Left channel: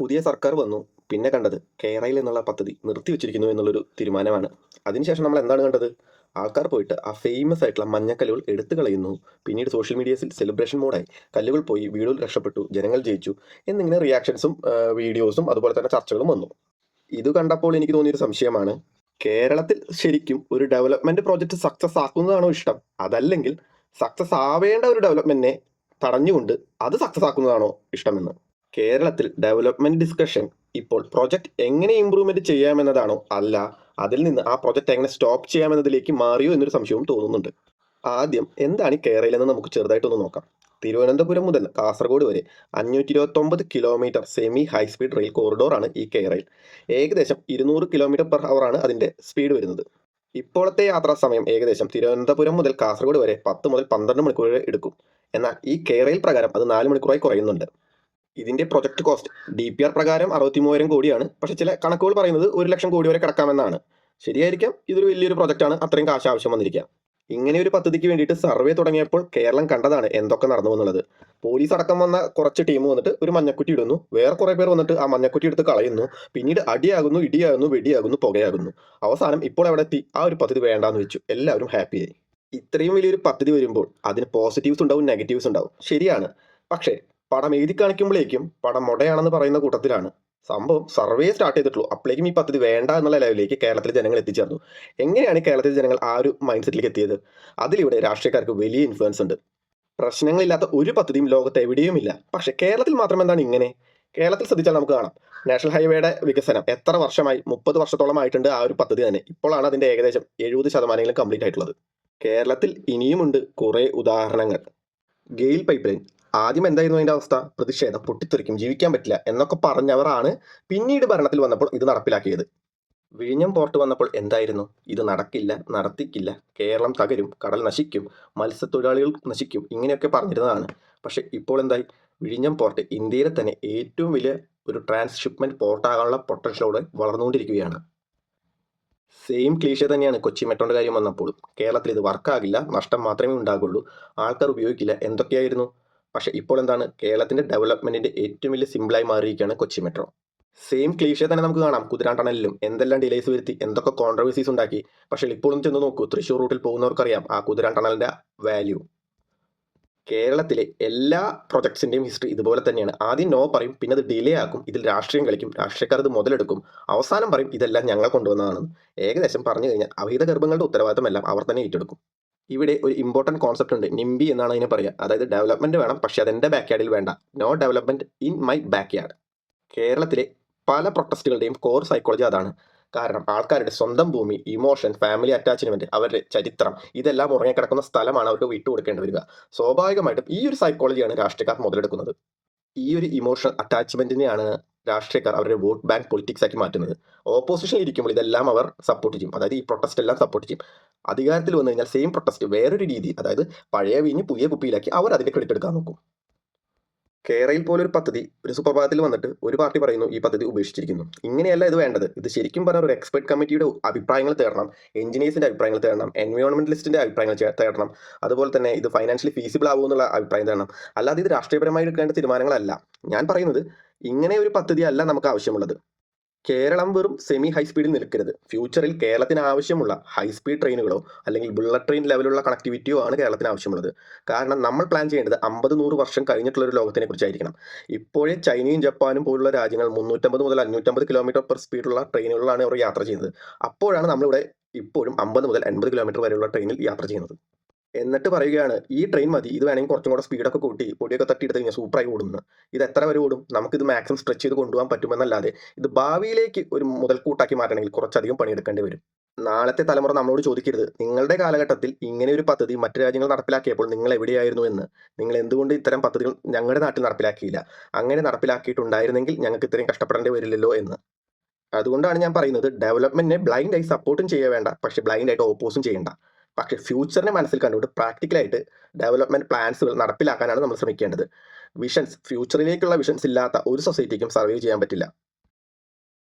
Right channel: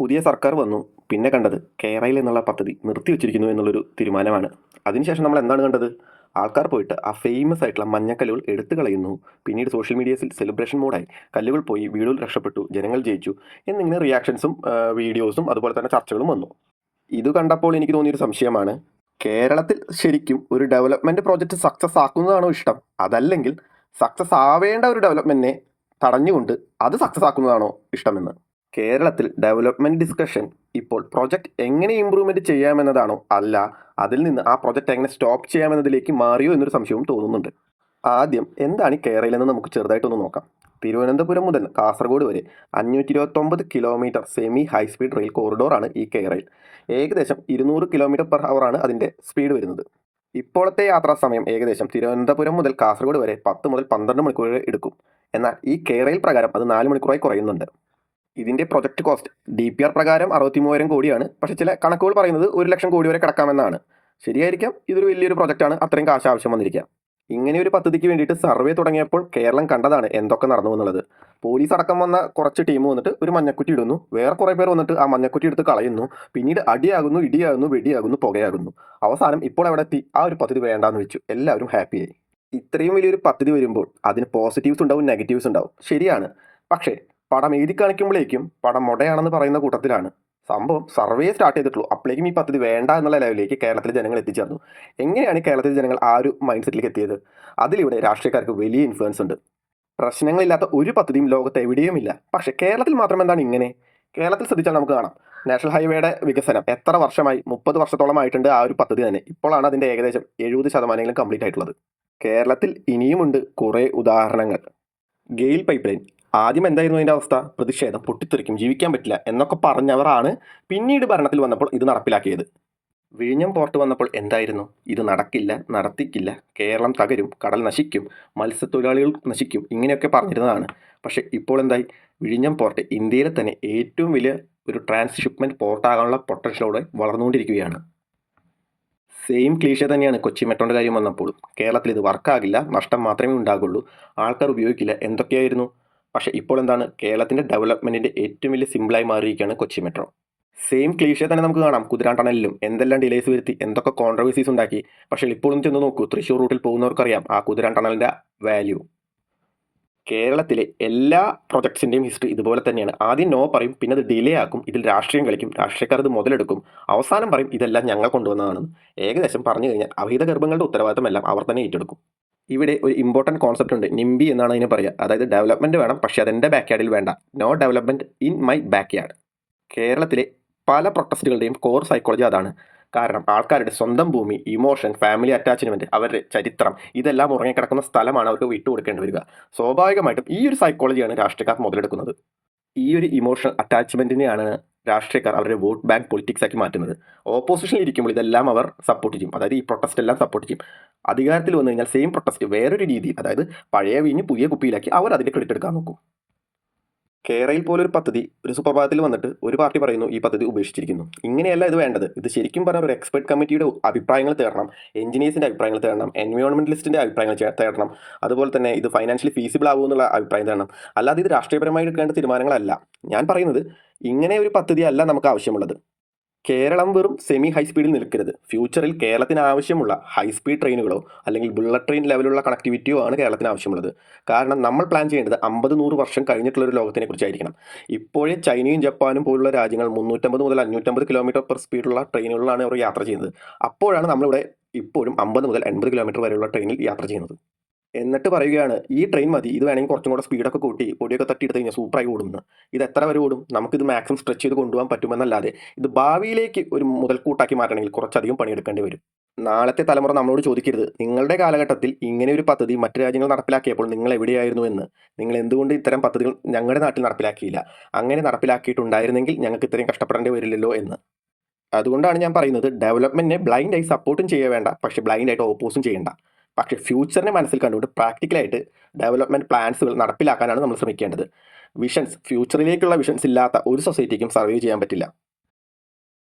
പുതിയ സർക്കാർ വന്നു. പിന്നെ കണ്ടത് കേരയിൽ എന്നുള്ള പദ്ധതി നിർത്തിവെച്ചിരിക്കുന്നു എന്നുള്ളൊരു തീരുമാനമാണ്. അതിനുശേഷം നമ്മൾ എന്താണ് കണ്ടത്? ആൾക്കാർ പോയിട്ട് ആ ഫേമസ് ആയിട്ടുള്ള മഞ്ഞക്കല്ലുകൾ എടുത്തു കളയുന്നു. പിന്നീട് സോഷ്യൽ മീഡിയസിൽ സെലിബ്രേഷൻ മോഡായി. കല്ലുകൾ പോയി, വീടുകൾ രക്ഷപ്പെട്ടു, ജനങ്ങൾ ജയിച്ചു എന്നിങ്ങനെ റിയാക്ഷൻസും വീഡിയോസും അതുപോലെ തന്നെ ചർച്ചകളും വന്നു. ഇത് കണ്ടപ്പോൾ എനിക്ക് തോന്നിയൊരു സംശയമാണ്. കേരളത്തിൽ ശരിക്കും ഒരു ഡെവലപ്മെന്റ് പ്രോജക്റ്റ് സക്സസ് ആക്കുന്നതാണോ ഇഷ്ടം? അതല്ലെങ്കിൽ സക്സസ് ആവേണ്ട ഒരു ഡെവലപ്മെന്റിനെ തടഞ്ഞുകൊണ്ട് അത് സക്സസ് ആക്കുന്നതാണോ ഇഷ്ടമെന്ന്? കേരളത്തിൽ ഡെവലപ്മെന്റ് ഡിസ്കഷൻ ഇപ്പോൾ പ്രൊജക്ട് എങ്ങനെ ഇമ്പ്രൂവ്മെന്റ് ചെയ്യാമെന്നതാണോ, അല്ല അതിൽ നിന്ന് ആ പ്രൊജക്ട് എങ്ങനെ സ്റ്റോപ്പ് ചെയ്യാമെന്നതിലേക്ക് മാറിയോ എന്നൊരു സംശയവും തോന്നുന്നുണ്ട്. ആദ്യം എന്താണ് ഈ കേരളയിലെന്ന് നമുക്ക് ചെറുതായിട്ടൊന്ന് നോക്കാം. തിരുവനന്തപുരം മുതൽ കാസർഗോഡ് വരെ 529 കിലോമീറ്റർ സെമി ഹൈസ്പീഡ് റെയിൽ കോറിഡോറാണ് ഈ കേരയിൽ. ഏകദേശം 200 km/h ആണ് അതിൻ്റെ സ്പീഡ് വരുന്നത്. ഇപ്പോഴത്തെ യാത്രാ സമയം ഏകദേശം തിരുവനന്തപുരം മുതൽ കാസർഗോഡ് വരെ 10 മുതൽ 12 മണിക്കൂർ വരെ എടുക്കും. എന്നാൽ ഈ കേരയിൽ പ്രകാരം അത് 4 മണിക്കൂറായി കുറയുന്നുണ്ട്. ഇതിൻ്റെ പ്രൊജക്ട് കോസ്റ്റ് DPR പ്രകാരം 63,000 കോടിയാണ്. പക്ഷേ ചില കണക്കുകൾ പറയുന്നത് 1,00,000 കോടി വരെ കിടക്കാമെന്നാണ്. ശരിയായിരിക്കാം, ഇതൊരു വലിയൊരു പ്രൊജക്റ്റാണ്, അത്രയും കാശ് ആവശ്യം വന്നിരിക്കുക. ഇങ്ങനെ ഒരു പദ്ധതിക്ക് വേണ്ടിയിട്ട് സർവേ തുടങ്ങിയപ്പോൾ കേരളം കണ്ടതാണ് എന്തൊക്കെ നടന്നു എന്നുള്ളത്. പോലീസ് അടക്കം വന്ന കുറച്ച് ടീം വന്നിട്ട് ഒരു മഞ്ഞക്കുറ്റി ഇടുന്നു, വേറെ കുറേ പേർ വന്നിട്ട് ആ മഞ്ഞക്കുറ്റി എടുത്ത് കളയുന്നു, പിന്നീട് അടിയാകുന്നു, ഇടിയാകുന്നു, വെടിയാകുന്നു, പുകയാകുന്നു. അവസാനം ഇപ്പോൾ എവിടെ എത്തി? ആ ഒരു പദ്ധതി വേണ്ടാന്ന് വെച്ചു, എല്ലാവരും ഹാപ്പിയായി. ഇത്രയും വലിയൊരു പദ്ധതി വരുമ്പോൾ അതിന് പോസിറ്റീവ്സ് ഉണ്ടാവും, നെഗറ്റീവ്സ് ഉണ്ടാവും, ശരിയാണ്. പക്ഷേ പടം എഴുതി കാണിക്കുമ്പോഴേക്കും പടം മൊടയാണെന്ന് പറയുന്ന കൂട്ടത്തിലാണ്. സംഭവം സർവേ സ്റ്റാർട്ട് ചെയ്തിട്ടുള്ളൂ, അപ്പോഴേക്കും ഈ പദ്ധതി വേണ്ട എന്നുള്ള ലെവലിലേക്ക് കേരളത്തിലെ ജനങ്ങൾ എത്തിച്ചേർന്നു. എങ്ങനെയാണ് കേരളത്തിലെ ജനങ്ങൾ ആ ഒരു മൈൻഡ് സെറ്റിലേക്ക് എത്തിയത്? അതിലിവിടെ രാഷ്ട്രീയക്കാർക്ക് വലിയ ഇൻഫ്ലുവൻസ് ഉണ്ട്. പ്രശ്നങ്ങളില്ലാത്ത ഒരു പദ്ധതിയും ലോകത്ത് എവിടെയുമില്ല. പക്ഷേ കേരളത്തിൽ മാത്രം എന്താണ് ഇങ്ങനെ? കേരളത്തിൽ ശ്രദ്ധിച്ചാൽ നമുക്ക് കാണാം, നാഷണൽ ഹൈവേയുടെ വികസനം എത്ര വർഷമായി? 30 വർഷത്തോളം ആയിട്ടുണ്ട് ആ ഒരു പദ്ധതി തന്നെ. ഇപ്പോഴാണ് അതിൻ്റെ ഏകദേശം 70% കംപ്ലീറ്റ് ആയിട്ടുള്ളത്. കേരളത്തിൽ ഇനിയുമുണ്ട് കുറേ ഉദാഹരണങ്ങൾ. ഗെയിൽ പൈപ്പ് ലൈൻ ആദ്യം എന്തായിരുന്നു അതിൻ്റെ അവസ്ഥ? പ്രതിഷേധം, പൊട്ടിത്തെറിക്കും, ജീവിക്കാൻ പറ്റില്ല എന്നൊക്കെ പറഞ്ഞവരാണ് പിന്നീട് ഭരണത്തിൽ വന്നപ്പോൾ ഇത് നടപ്പിലാക്കിയത്. വിഴിഞ്ഞം പോർട്ട് വന്നപ്പോൾ എന്തായിരുന്നു? ഇത് നടക്കില്ല, നടത്തിക്കില്ല, കേരളം തകരും, കടൽ നശിക്കും, മത്സ്യത്തൊഴിലാളികൾ നശിക്കും, ഇങ്ങനെയൊക്കെ പറഞ്ഞിരുന്നതാണ്. പക്ഷേ ഇപ്പോൾ എന്തായി? വിഴിഞ്ഞം പോർട്ട് ഇന്ത്യയിലെ തന്നെ ഏറ്റവും വലിയ ഒരു ട്രാൻസ്ഷിപ്മെൻറ്റ് പോർട്ടാകാനുള്ള പൊട്ടൻഷ്യലോടെ വളർന്നുകൊണ്ടിരിക്കുകയാണ്. സെയിം ക്ലീഷേ തന്നെയാണ് കൊച്ചി മെട്രോൻ്റെ കാര്യം വന്നപ്പോൾ. കേരളത്തിൽ ഇത് വർക്കാകില്ല, നഷ്ടം മാത്രമേ ഉണ്ടാകുള്ളൂ, ആൾക്കാർ ഉപയോഗിക്കില്ല, എന്തൊക്കെയായിരുന്നു. പക്ഷേ ഇപ്പോൾ എന്താണ്? കേരളത്തിൻ്റെ ഡെവലപ്മെൻറ്റിൻ്റെ ഏറ്റവും വലിയ സിമ്പിളായി മാറിയിരിക്കുകയാണ് കൊച്ചി മെട്രോ. സെയിം ക്ലീഷേ തന്നെ നമുക്ക് കാണാം കുതിരാൻ ടണലിലും എന്തെല്ലാം ഡിലേസ് വരുത്തി, എന്തൊക്കെ കോൺട്രവേഴ്സീസ് ഉണ്ടാക്കി. പക്ഷേ ഇപ്പോഴും ചെന്ന് നോക്കൂ, തൃശ്ശൂർ റൂട്ടിൽ പോകുന്നവർക്കറിയാം ആ കുതിരാൻ ടണലിൻ്റെ വാല്യൂ. കേരളത്തിലെ എല്ലാ പ്രൊജക്ട്സിൻ്റെയും ഹിസ്റ്ററി ഇതുപോലെ തന്നെയാണ്. ആദ്യം നോ പറയും, പിന്നെ അത് ഡിലേ ആക്കും, ഇതിൽ രാഷ്ട്രീയം കളിക്കും, രാഷ്ട്രീയക്കാർ ഇത് മുതലെടുക്കും, അവസാനം പറയും ഇതെല്ലാം ഞങ്ങൾ കൊണ്ടുവന്നതാണ്. ഏകദേശം പറഞ്ഞു കഴിഞ്ഞാൽ അവിഹിത ഗർഭങ്ങളുടെ ഉത്തരവാദിത്തമെല്ലാം അവർ തന്നെ ഏറ്റെടുക്കും. ഇവിടെ ഒരു ഇമ്പോർട്ടൻറ്റ് കോൺസെപ്റ്റ് ഉണ്ട്, നിംബി എന്നാണ് അതിന് പറയുക. അതായത് ഡെവലപ്മെൻറ്റ് വേണം, പക്ഷേ അതെൻ്റെ ബാക്ക് യാർഡിൽ വേണ്ട. No development in my backyard. കേരളത്തിലെ പല പ്രൊട്ടസ്റ്റുകളുടെയും കോർ സൈക്കോളജി അതാണ്. കാരണം ആൾക്കാരുടെ സ്വന്തം ഭൂമി, ഇമോഷൻ, ഫാമിലി അറ്റാച്ച്മെൻറ്റ്, അവരുടെ ചരിത്രം, ഇതെല്ലാം ഉറങ്ങിക്കിടക്കുന്ന സ്ഥലമാണ് അവർക്ക് വിട്ടുകൊടുക്കേണ്ടി വരിക. സ്വാഭാവികമായിട്ടും ഈ ഒരു സൈക്കോളജിയാണ് രാഷ്ട്രീയക്കാർ മുതലെടുക്കുന്നത്. ഈ ഒരു ഇമോഷണൽ അറ്റാച്ച്മെൻറ്റിനെയാണ് രാഷ്ട്രീയക്കാർ അവരുടെ വോട്ട് ബാങ്ക് പൊളിറ്റിക്സ് ആക്കി മാറ്റുന്നത്. ഓപ്പോസിഷനിൽ ഇരിക്കുമ്പോൾ ഇതെല്ലാം അവർ സപ്പോർട്ട് ചെയ്യും, അതായത് ഈ പ്രൊട്ടസ്റ്റ് എല്ലാം സപ്പോർട്ട് ചെയ്യും. അധികാരത്തിൽ വന്നു കഴിഞ്ഞാൽ സെയിം പ്രൊട്ടസ്റ്റ് വേറൊരു രീതിയിൽ, അതായത് പഴയ വീഞ്ഞ് പുതിയ കുപ്പിയിലാക്കി അവർ അതിൻ്റെ ക്രെഡിറ്റ് എടുക്കാൻ നോക്കും. കേരയിൽ പോലൊരു പദ്ധതി ഒരു സുപ്രഭാതത്തിൽ വന്നിട്ട് ഒരു പാർട്ടി പറയുന്നു ഈ പദ്ധതി ഉപേക്ഷിച്ചിരിക്കുന്നു. ഇങ്ങനെയല്ല ഇത് വേണ്ടത്. ഇത് ശരിക്കും പറഞ്ഞാൽ ഒരു എക്സ്പെർട്ട് കമ്മിറ്റിയുടെ അഭിപ്രായങ്ങൾ തേടണം, എഞ്ചിനീയേഴ്സിൻ്റെ അഭിപ്രായങ്ങൾ തേടണം, എൻവയോൺമെൻറ്റലിസ്റ്റിൻ്റെ അഭിപ്രായങ്ങൾ തേടണം, അതുപോലെ തന്നെ ഇത് ഫൈനാൻഷ്യലി ഫീസിബിൾ ആവുമെന്നുള്ള അഭിപ്രായം തേടണം. അല്ലാതെ ഇത് രാഷ്ട്രീയപരമായി എടുക്കേണ്ട തീരുമാനങ്ങളല്ല. ഞാൻ പറയുന്നത് ഇങ്ങനെ ഒരു പദ്ധതി അല്ല നമുക്ക് ആവശ്യമുള്ളത്. കേരളം വെറും സെമി ഹൈസ്പീഡിൽ നിൽക്കരുത്. ഫ്യൂച്ചറിൽ കേരളത്തിന് ആവശ്യമുള്ള ഹൈസ്പീഡ് ട്രെയിനുകളോ അല്ലെങ്കിൽ ബുള്ളറ്റ് ട്രെയിൻ ലെവലുള്ള കണക്ടിവിറ്റിയോ ആണ് കേരളത്തിന് ആവശ്യമുള്ളത്. കാരണം നമ്മൾ പ്ലാൻ ചെയ്യേണ്ടത് 50-100 വർഷം കഴിഞ്ഞിട്ടുള്ളൊരു ലോകത്തിനെ കുറിച്ചായിരിക്കണം. ഇപ്പോഴേ ചൈനയും ജപ്പാനും പോലുള്ള രാജ്യങ്ങൾ 350 മുതൽ 550 കിലോമീറ്റർ പെർ സ്പീഡുള്ള ട്രെയിനുകളിലാണ് അവർ യാത്ര ചെയ്യുന്നത്. അപ്പോഴാണ് നമ്മളിവിടെ ഇപ്പോഴും 50 മുതൽ 80 കിലോമീറ്റർ വരെയുള്ള ട്രെയിനിൽ യാത്ര ചെയ്യുന്നത്. എന്നിട്ട് പറയുകയാണ് ഈ ട്രെയിൻ മതി, ഇത് വേണമെങ്കിൽ കുറച്ചും കൂടെ സ്പീഡൊക്കെ കൂട്ടി പൊടിയൊക്കെ തട്ടിയെടുത്ത് കഴിഞ്ഞാൽ സൂപ്പറായി ഓടുന്നു. ഇത് എത്ര വരെ ഓടും? നമുക്കിത് മാക്സിമം സ്ട്രെച്ച് ചെയ്ത് കൊണ്ടുപോകാൻ പറ്റുമെന്നല്ലാതെ ഇത് ഭാവിയിലേക്ക് ഒരു മുതൽക്കൂട്ടാക്കി മാറ്റണമെങ്കിൽ കുറച്ചധികം പണിയെടുക്കേണ്ടി വരും. നാളത്തെ തലമുറ നമ്മളോട് ചോദിക്കരുത് നിങ്ങളുടെ കാലഘട്ടത്തിൽ ഇങ്ങനെ ഒരു പദ്ധതി മറ്റു രാജ്യങ്ങൾ നടപ്പിലാക്കിയപ്പോൾ നിങ്ങൾ എവിടെയായിരുന്നു എന്ന്. നിങ്ങൾ എന്തുകൊണ്ട് ഇത്തരം പദ്ധതികൾ ഞങ്ങളുടെ നാട്ടിൽ നടപ്പിലാക്കിയില്ല? അങ്ങനെ നടപ്പിലാക്കിയിട്ടുണ്ടായിരുന്നെങ്കിൽ ഞങ്ങൾക്ക് ഇത്രയും കഷ്ടപ്പെടേണ്ടി വരില്ലല്ലോ എന്ന്. അതുകൊണ്ടാണ് ഞാൻ പറയുന്നത് ഡെവലപ്മെൻറ്റിനെ ബ്ലൈൻഡായി സപ്പോർട്ടും ചെയ്യുക വേണ്ട, പക്ഷേ ബ്ലൈൻഡായിട്ട് ഓപ്പോസും ചെയ്യേണ്ട. പക്ഷേ ഫ്യൂച്ചറിനെ മനസ്സിൽ കണ്ടുകൊണ്ട് പ്രാക്ടിക്കലായിട്ട് ഡെവലപ്മെൻറ്റ് പ്ലാൻസുകൾ നടപ്പിലാക്കാനാണ് നമ്മൾ ശ്രമിക്കേണ്ടത്. ഫ്യൂച്ചറിലേക്കുള്ള വിഷൻസ് ഇല്ലാത്ത ഒരു സൊസൈറ്റിക്കും സർവൈവ് ചെയ്യാൻ പറ്റില്ല.